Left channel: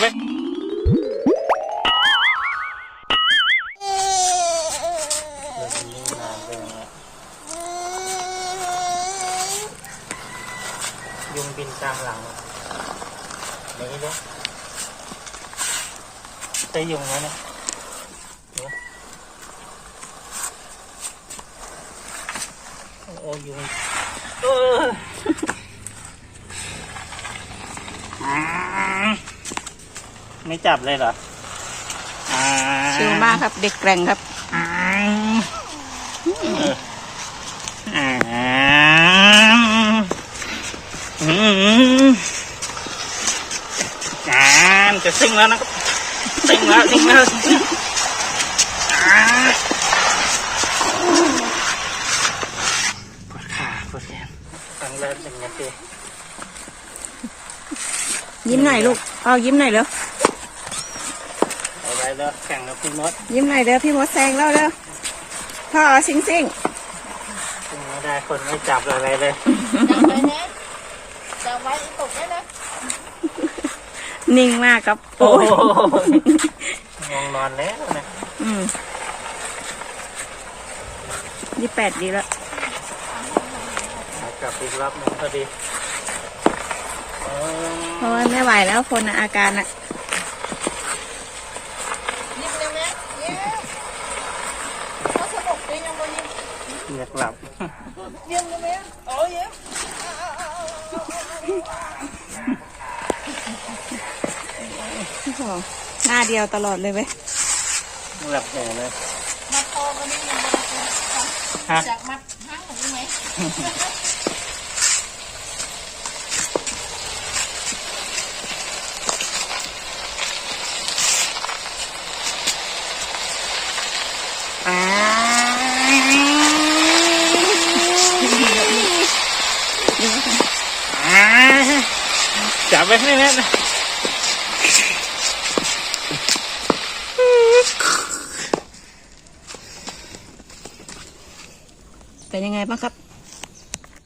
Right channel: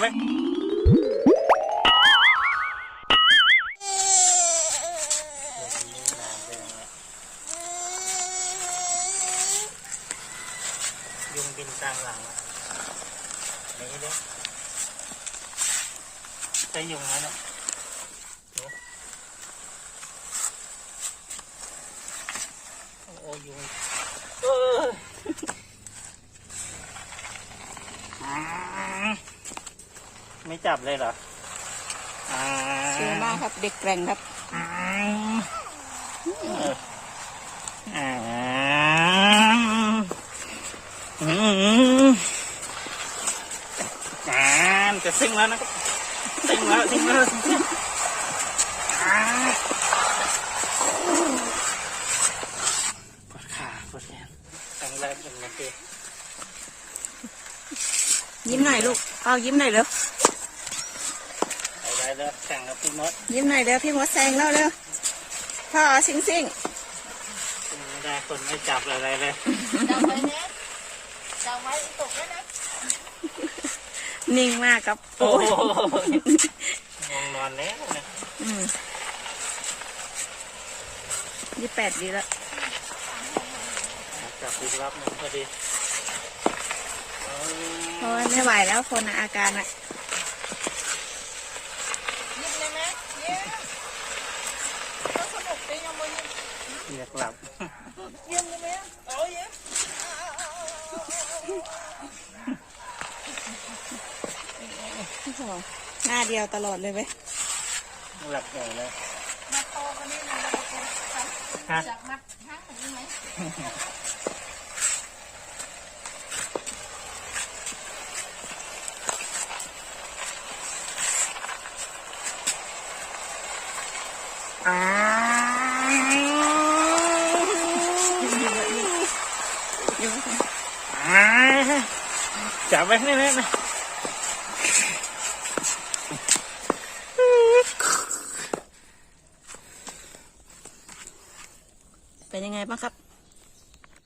ไหมยุงบินกลางหลังอะ ไม่รู้จะยุงไหมเนี่ยดูโอ้ยุงเอออืมไม่จับเลยเหรออ่าชิวมากครับ เด็กแกร่งครับอืมอืมอืมอ่ามันจะซิ่งแล้วนะครับซิ่งแล้วซิ่งแล้วอ่าปวดขาปวดแขนครั้งแรกเป็นไงพี่ยิ้มหน่อยลูก เอายิ้มหน่อยเร็วเอาไว้ แล้วแข่งกับพี่มดยิ้มหน่อยเร็วพี่มดแซงแล้วเร็วพ่อซิงซิงซิ่งไม่ได้คนไม่จับอะไรเลยจะไว้ตกได้เลยนิ่งมากครับโอ้โอ้ยยงงนอนแล้วนะอืมยี่แปดดีแล้วกลับอีกรอบหนึงพอดีโอ้เพราะว่าไม่ไหวแล้วคนอะอาการอะ ยิ้มเลยไหมยิ้มถ้าสนุกจริงยังไม่ยิ้ม อยากหลับยิ้มเลยไหมโอ้ยิ้มโอ้โหหน้าเดียวตลอดเลยเว้ยหลับใหญ่เลยมาโตกันนี่มันจะเป็นฮะจากมัดห้างของนี่ไหม อ้า ยิ้มค่ะ ว จับไว้ให้แน่นะเป็นยังไงบ้างครับ